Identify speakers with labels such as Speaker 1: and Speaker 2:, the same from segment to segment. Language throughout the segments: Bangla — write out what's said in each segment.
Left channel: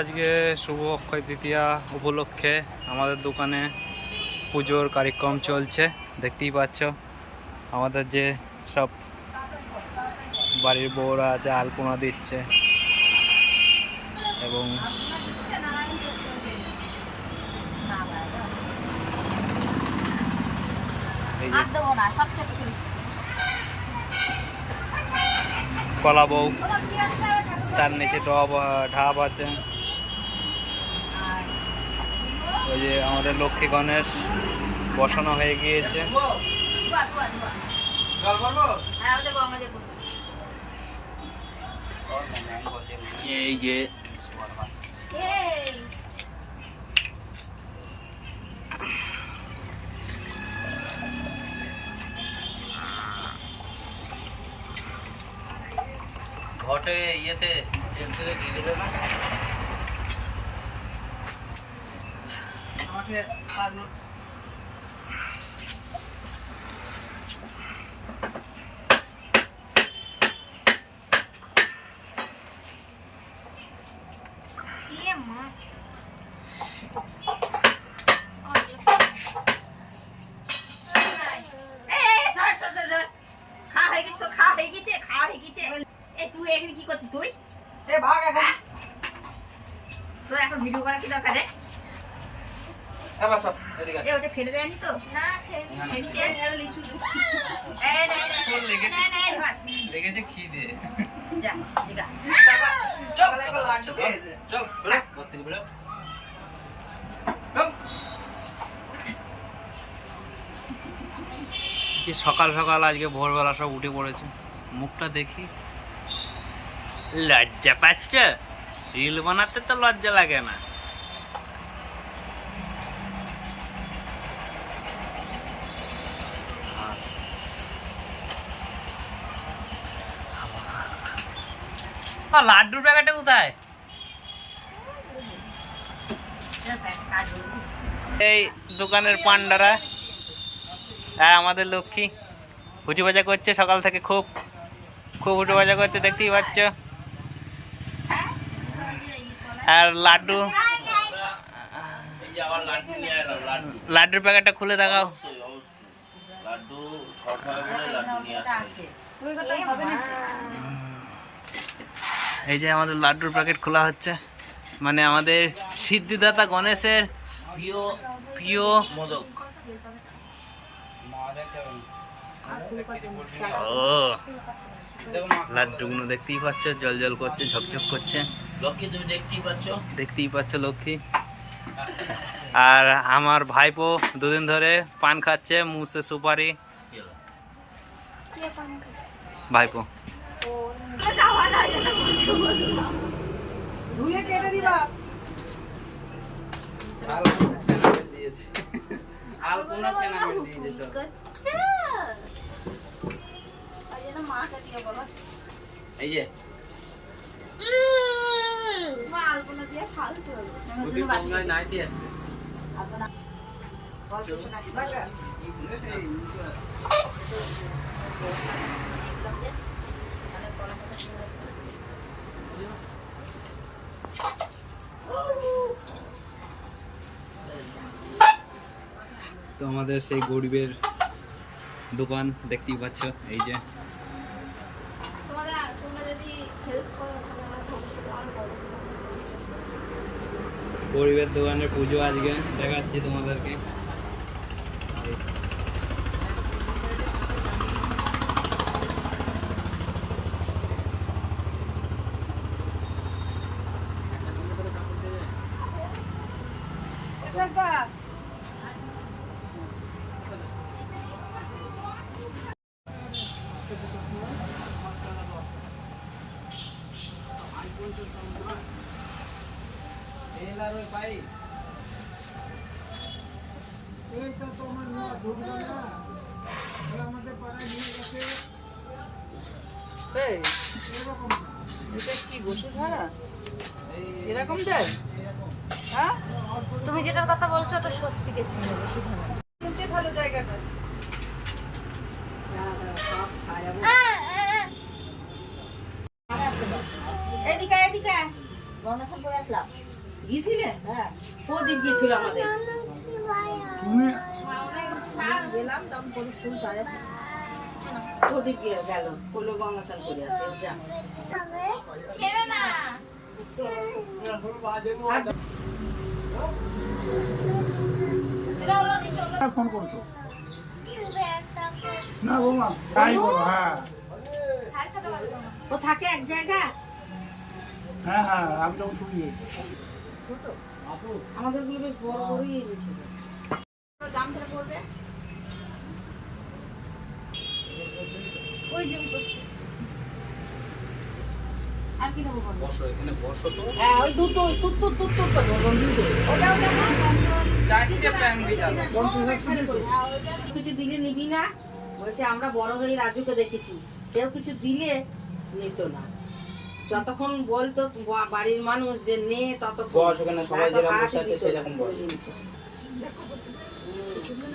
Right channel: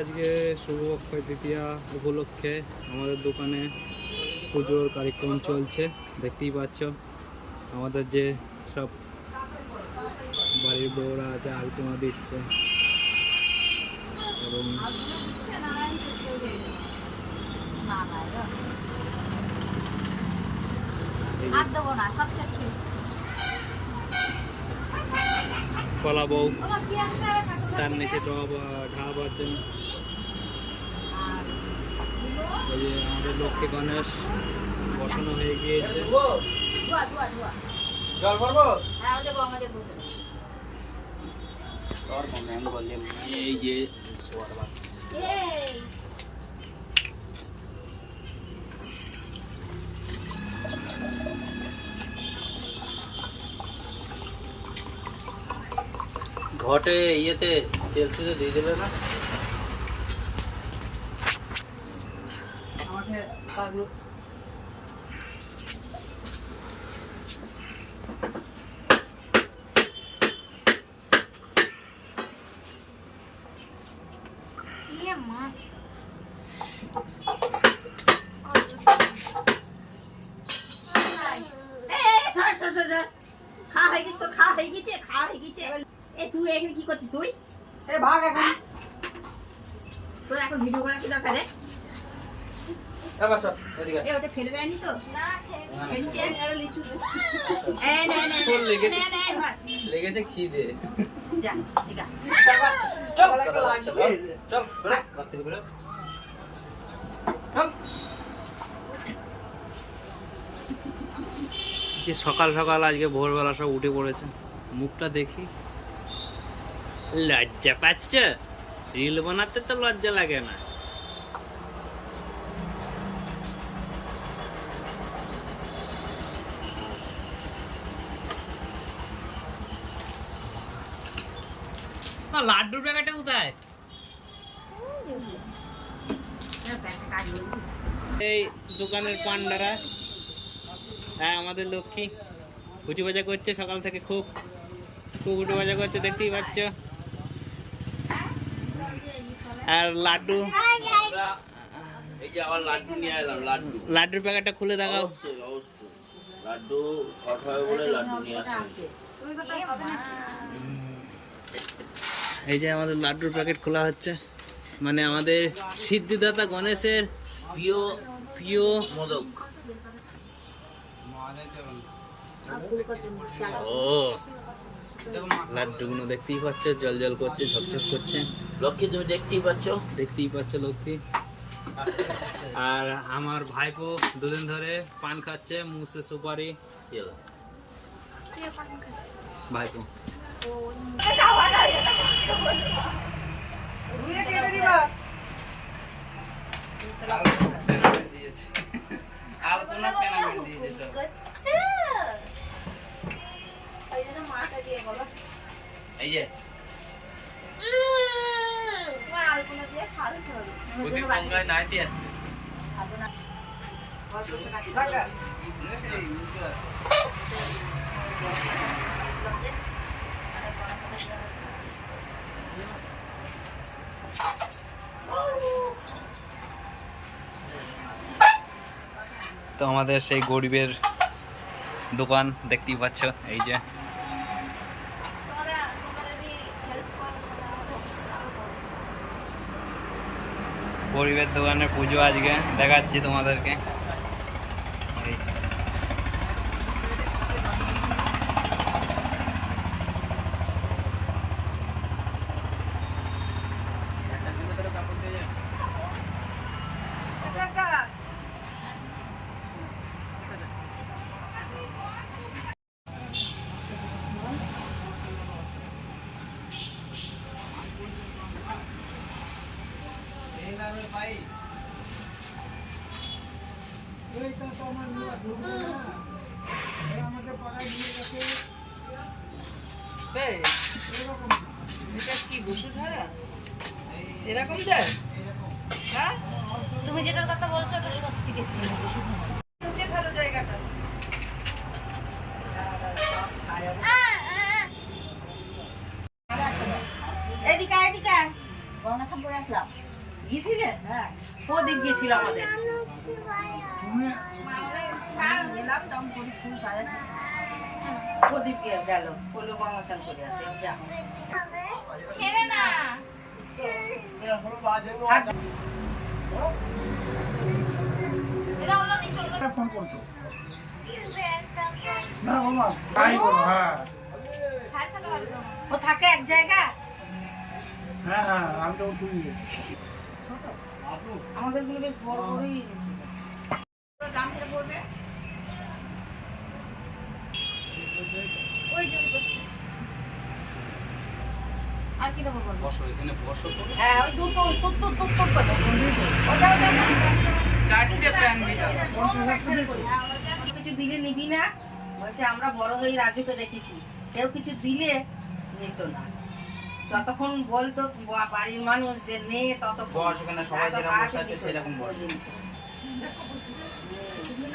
Speaker 1: আজকে শুভ অক্ষয় তৃতীয়া উপলক্ষে আমাদের দোকানে পুজোর কার্যক্রম চলছে, দেখতেই পাচ্ছ আমাদের যে সব বাড়ির বউরা আছে, আলপনা দিচ্ছে এবং। কলা বউ, তার নিচে টব ঢাব আছে
Speaker 2: আর
Speaker 1: ওই যে আমাদের লক্ষ্মী গণেশ বসানো হয়ে গিয়েছে। এই যে ঘটে ইয়েতে তেল থেকে দিয়ে দিলে না
Speaker 2: ইয়ে মা। এই, এই, সর, সর, সর, সর। খাওয়া হয়ে গেছে তোর খাওয়া হয়ে গেছে খাওয়া হয়ে গেছে এই তুই এখানে কি করছিস তুই
Speaker 3: ভাগ
Speaker 2: হ্যাঁ? তোর এখন ভিডিও করা কি দরকার
Speaker 1: লেগেছে। খিদে।
Speaker 3: চল
Speaker 1: বেরো। যে সকাল সকাল আজকে ভোরবেলা সব উঠে পড়েছে মুখটা দেখি। লজ্জা পাচ্ছ? রিল বানাতে তো লজ্জা লাগে না। লাড্ডুর প্যাকেটটা কোথায়? এই দোকানের পান্ডারা। হ্যাঁ আমাদের লক্ষ্মী। হুচু বাজা করছে সকাল থেকে খুব। খুব উঠে বাজা করছে দেখতেই পাচ্ছ। আর লাড্ডু।
Speaker 4: এই যে আবার লাড্ডু নিয়ে এলাম লাড্ডু
Speaker 1: লাড্ডুর প্যাকেটটা খুলে দেখাও।
Speaker 4: লাড্ডু শর্ট হয় বলে লাড্ডু নিয়ে আসছে।
Speaker 1: এই যে আমাদের লাড্ডুর প্যাকেট খোলা হচ্ছে। মানে আমাদের সিদ্ধিদাতা গণেশের
Speaker 4: প্রিয়
Speaker 1: প্রিয়
Speaker 4: মোদক।
Speaker 1: ও লাড্ডুগুলো দেখতেই পাচ্ছ জল জল করছে ঝকঝক করছে।
Speaker 4: লক্ষ্মী তুমি দেখতেই পাচ্ছ?
Speaker 1: দেখতেই পাচ্ছ লক্ষ্মী। আর আমার ভাইপো দুদিন ধরে পান খাচ্ছে মুসে সুপারি? ভাইপো।
Speaker 3: ধুয়ে কেটে দিবা।
Speaker 1: আলপনা পেনামেন্ট দিয়েছে
Speaker 2: করছে। ওই জন্য মাটা দিয়ে বলো।
Speaker 4: এই যে
Speaker 2: তোমার আলগুলো দিয়ে ফালতু হলো।
Speaker 1: বুদ্ধি কমলায় নাই দিয়েছে
Speaker 2: আলপনা।
Speaker 3: লাগা
Speaker 1: তো আমাদের সেই গরিবের দোকান দেখতেই পাচ্ছ এই যে। গরিবের দোকানের পুজো আজকে দেখাচ্ছি তোমাদেরকে এই
Speaker 3: এইটা তো আমার নোয়া ঢুকলো না আমাদের পাড়ায় নিয়ে গেছে। এরকম।
Speaker 5: এটা কি বসুধারা? এরকম যায় হ্যাঁ?
Speaker 2: তুমি যেটার কথা বলছো ওটা স্বস্তিকের ছিল
Speaker 5: ভালো জায়গাটা।
Speaker 2: এদিকে এদিকে করে আসলাম। গিয়েছিলে? হ্যাঁ। প্রদীপ গিয়েছিল আমাদের? গেলাম তখন প্রদীপ ফুল সাজাচ্ছে প্রদীপ গিয়ে গেল? হলো গঙ্গসাল করে আসে? যা।
Speaker 3: ফোন করছ? না বৌমা তাই বলো হ্যাঁ।
Speaker 2: ও থাকে এক জায়গায়?
Speaker 3: হ্যাঁ হ্যাঁ আমি যখন শুনি
Speaker 2: ছোট আমাদেরগুলো বেশ বড় বড়ই এনেছিল দাম পড়বে ওই যে আর কি দেবো
Speaker 1: বসো এখানে বসো তো
Speaker 2: হ্যাঁ ওই দুটো তুত তুত তুত তুত করে ওটাও
Speaker 1: চারটে প্যান
Speaker 2: কিছু দিলে নিবি না। বলছে আমরা বড় হয়ে রাজুকে দেখেছি। কেউ কিছু দিলে নিত না। যতক্ষণ বলতো বাড়ির মানুষ যে নে ততক্ষণ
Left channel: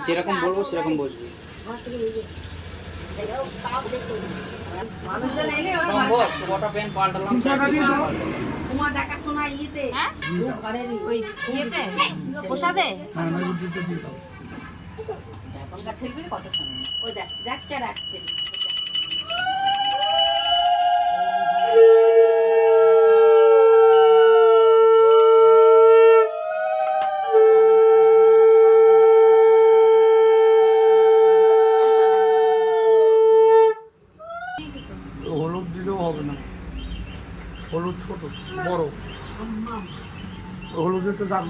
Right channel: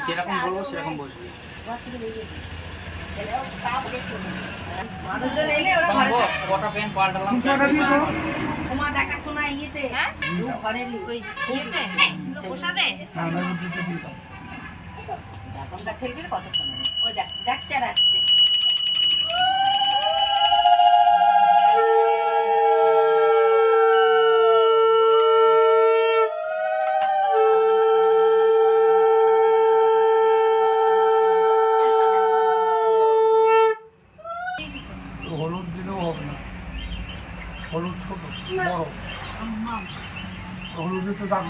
Speaker 1: যেরকম বলব সেরকম বসবি।
Speaker 2: মানুষজন এলে ওরা দেখাশোনা ইয়েতে। দু ঘরের ওই ইয়েতে?
Speaker 6: প্রসাদে?
Speaker 3: হ্যাঁ
Speaker 2: এখনকার ছেলেপিলে কথা শোনে ওই দেখ যাচ্ছে আর আসছে।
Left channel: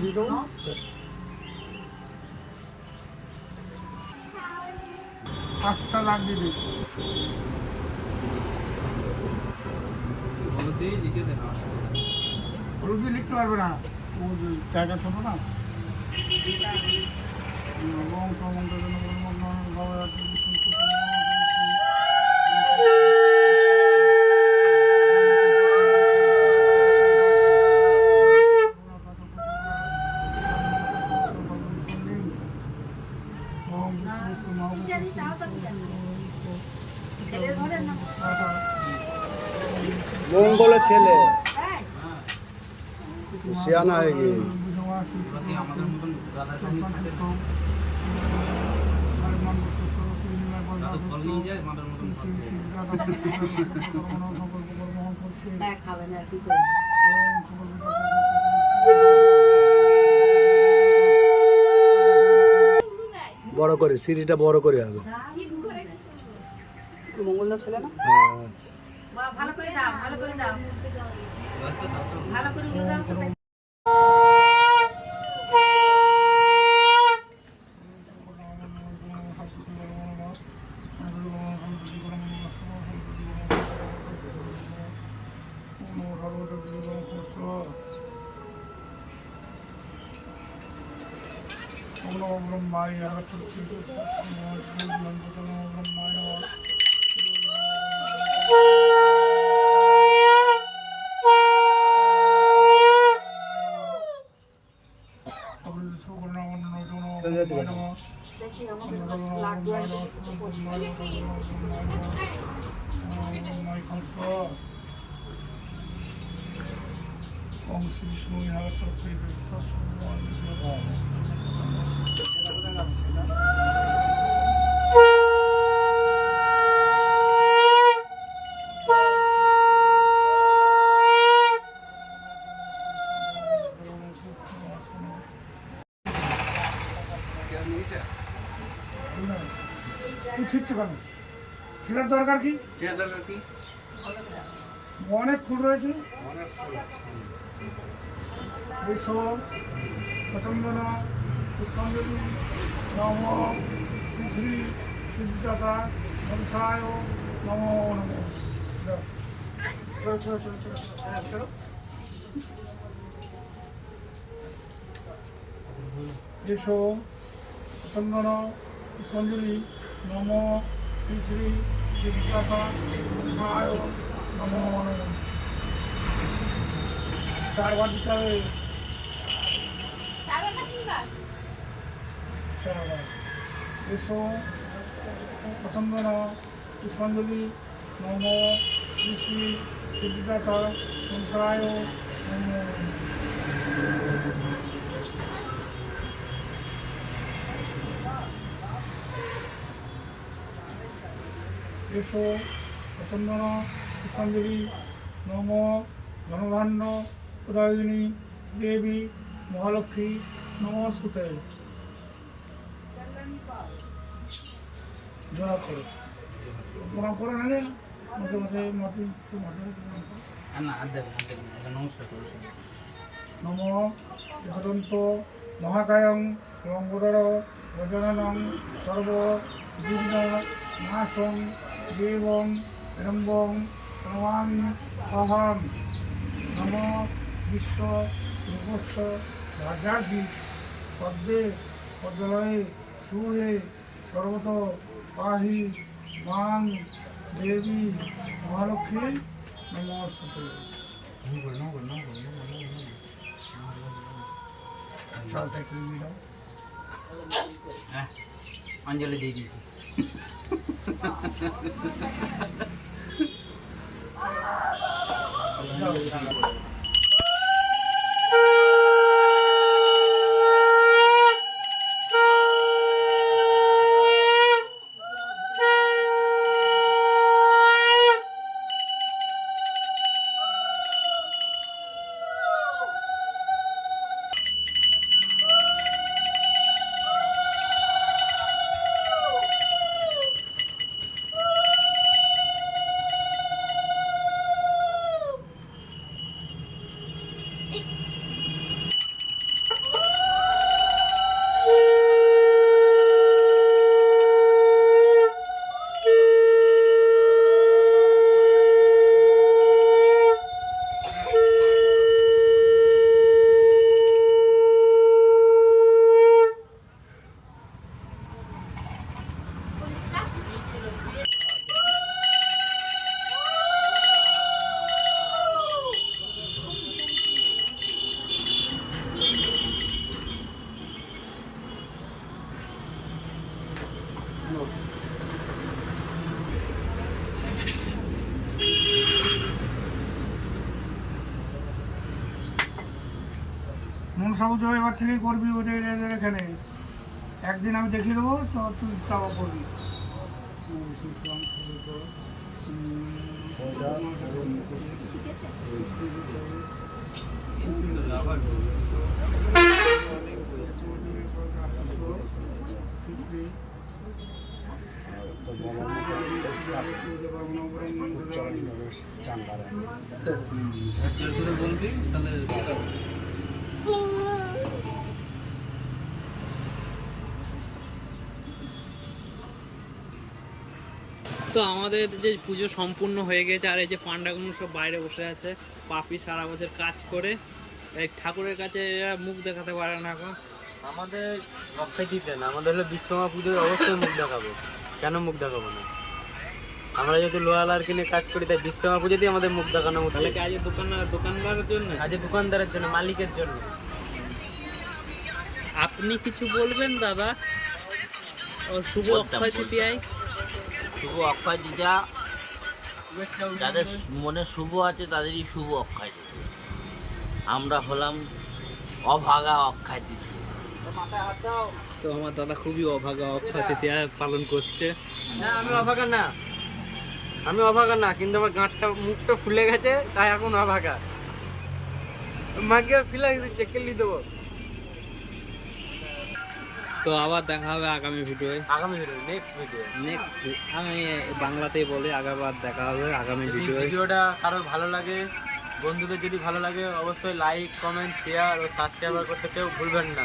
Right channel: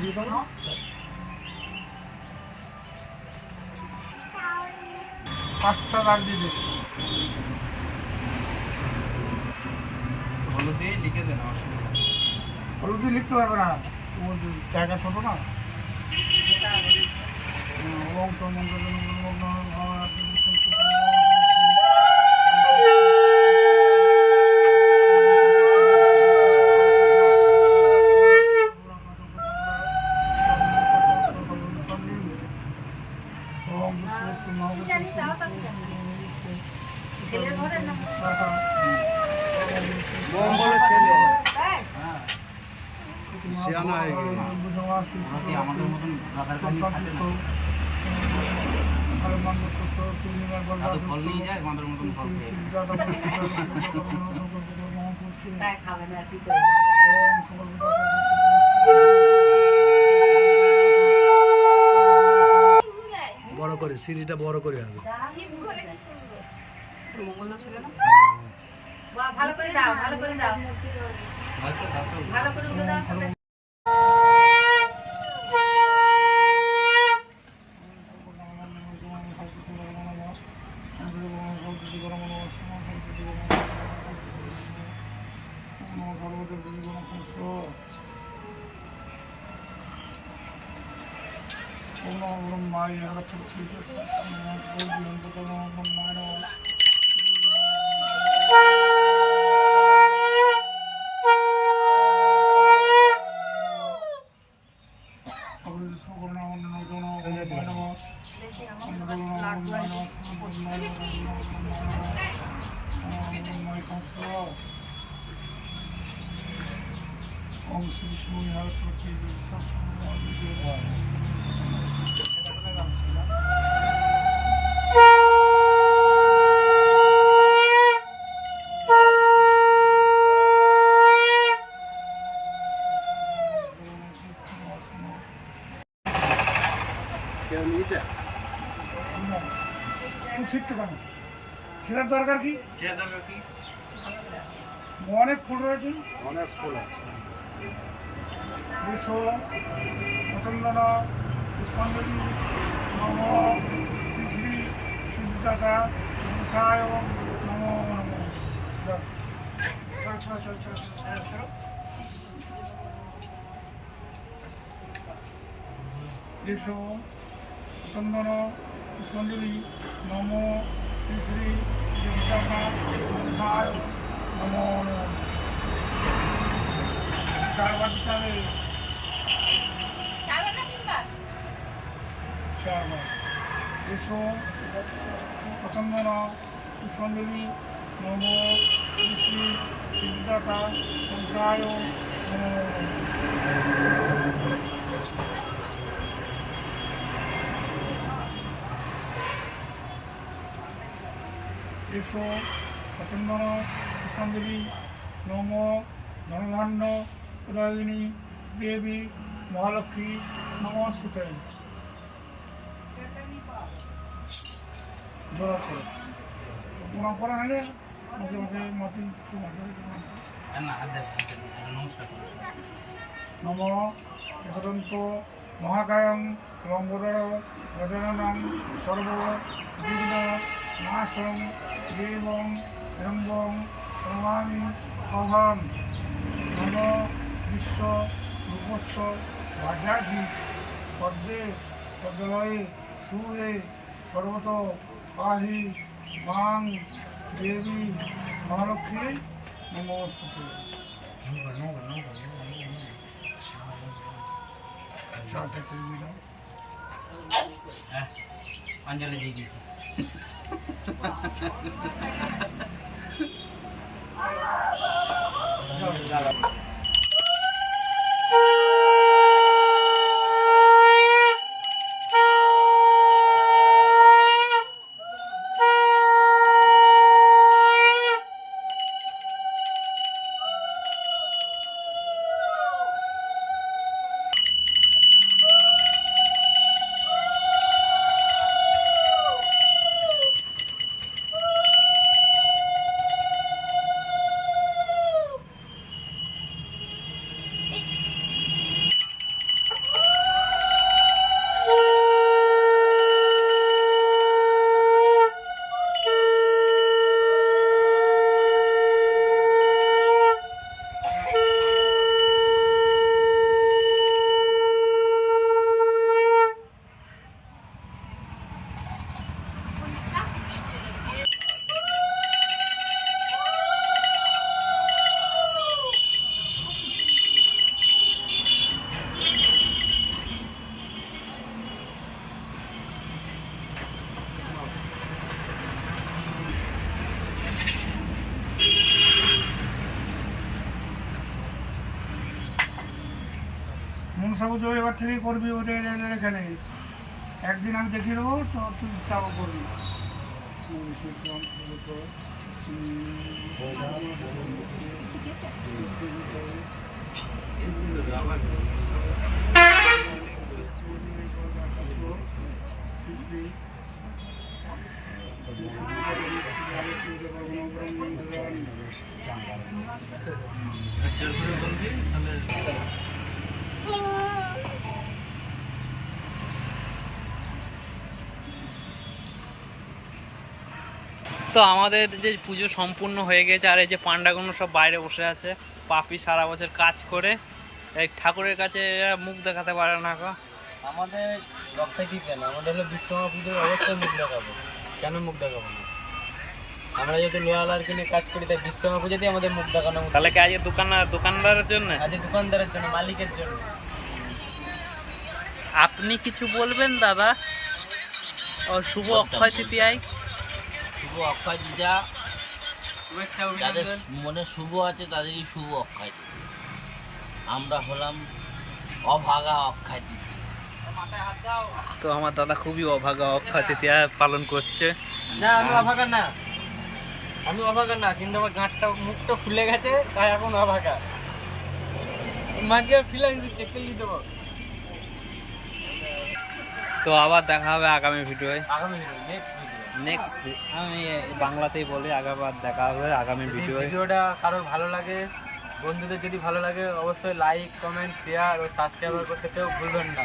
Speaker 3: দিয়ে দেবো পাঁচটা দাগ দিয়ে দেবো
Speaker 1: হলুদ দিয়ে লিখে দেন অসুবিধা নেই।
Speaker 3: হলুদ দিয়ে লিখতে পারবে না। তোমার জায়গা ছোট না।
Speaker 7: মঙ্গলের ছেলে হয়ে গিয়ে
Speaker 1: আমাদের মতন ফল নিয়ে যায় আমাদের মতন ফল খেয়ে নেয়।
Speaker 2: তাই খাবে না কি করে
Speaker 7: বড় করে সিঁড়িটা বড় করে হবে
Speaker 5: মঙ্গলদা ছিল না
Speaker 7: হ্যাঁ।
Speaker 2: ভালো করে দাও ভালো করে দাও। করে উড়ে দাও
Speaker 3: ওম শ্রী বিষ্ণু ইহারা চক্রী তুই দরকার কি?
Speaker 1: কে দরকার কি?
Speaker 3: অনেক ফুল রয়েছে। বিশ্ব পতন্দন পুষ্পাঞ্জলি নম শ্রী শ্রী সিদ্ধাতা মনসায় নম নম। চলো চলো চলো চলো চলো এসো চন্দন পুষ্পাঞ্জলি নম শ্রী শ্রী মনসায় নম নম চারবার দিতে হবে চারবার এসো পচন্দন পুষ্পাঞ্জলি নম শ্রী শ্রী সিদ্ধাতা হংসায় নম এসো সতন্দন পুষ্পাঞ্জলি নম ধনধান্য প্রদায়িনী দেবী মহালক্ষ্মী নমস্তুতে। জোড়া করো। প্রণাম করা হয় মাঝে মাঝে মাঝে মাঝে নম একদন্ত মহাকায়ং লম্বোদর গজাননং সর্ব বিঘ্ন নাশং দেবং রম্বং প্রমামি অহম নম বিশ্ব রূপস্ব রাজাধি পদ্মে পদ্মলয়ে সুরে সর্বত পাহি মাং দেবী মহালক্ষ্মী নমস্তে
Speaker 1: অঞ্জলি দিয়ে দিয়েছি あ っ
Speaker 3: মনসা পুজো এবার থেকে করবি ওটা এখানে। একদিন আমি দেখিয়ে দেবো তো তুই তাও করবি
Speaker 1: তো আমাদের যে পুজো সম্পূর্ণ হয়ে গেছে আর এই যে পান্ডাগুলো সব বাইরে বসে আছে পাপি সারা বছর কাজ করে এই ঠাকুরের কাছে এরা মুখ দেখাতে পারে না গো।
Speaker 6: আমাদের রক্ষায় দিতে না আমাদের হলো বিশ্বকর্মা পুজোয় অবশ্যই মুখ দেখাবো। কেন মুখ দেখাবো না? আমরা যেহেতু লোহালার কিনে কাজ করি তাই বিশ্বকর্মা পুজোতেই আমাদের মুখ দেখানো
Speaker 1: তাহলে কি আজকে দোকান দোকানদারের জন্য?
Speaker 6: আজকে দোকানদারের জন্য মালিকের জন্য।
Speaker 1: আপনি কিছু বলবেন দাদা? ও শুভ অক্ষয় তৃতীয়ায়?
Speaker 4: শুভ অক্ষয় তৃতীয়া যাদের মনে শুভ আছে তাদেরই শুভ অক্ষয় তৃতীয়া আমরা হলাম অভাগা অক্ষয় তৃতীয়া
Speaker 1: তো আমার দাদা খুবই অভাগা অক্ষয় তৃতীয়া পালন করছে।
Speaker 6: না আমি অভাগা না। আমি অভাগা না কিন্তু আমার গাঁটটা মুখটা ফুলে গেছে তাই এখন অভাগা। মাকে ফিলে দিচ্ছে কেলি দেবো।
Speaker 1: তো আবার দেখা হবে আগামী ভিডিওয়।
Speaker 6: আগামী ভিডিও নেক্সট ভিডিও
Speaker 1: নেক্সট আমি বাংলাতেই বলি আগাবার দেখা হবে আগামী ভিডিওয়।
Speaker 6: ভিডিওটা কারোর ভালো লাগে বন্ধুদের যদি ভালো লাগে অবশ্যই লাইক কমেন্ট শেয়ার ও সাবস্ক্রাইবার করতে কেউ ভুলবেন না।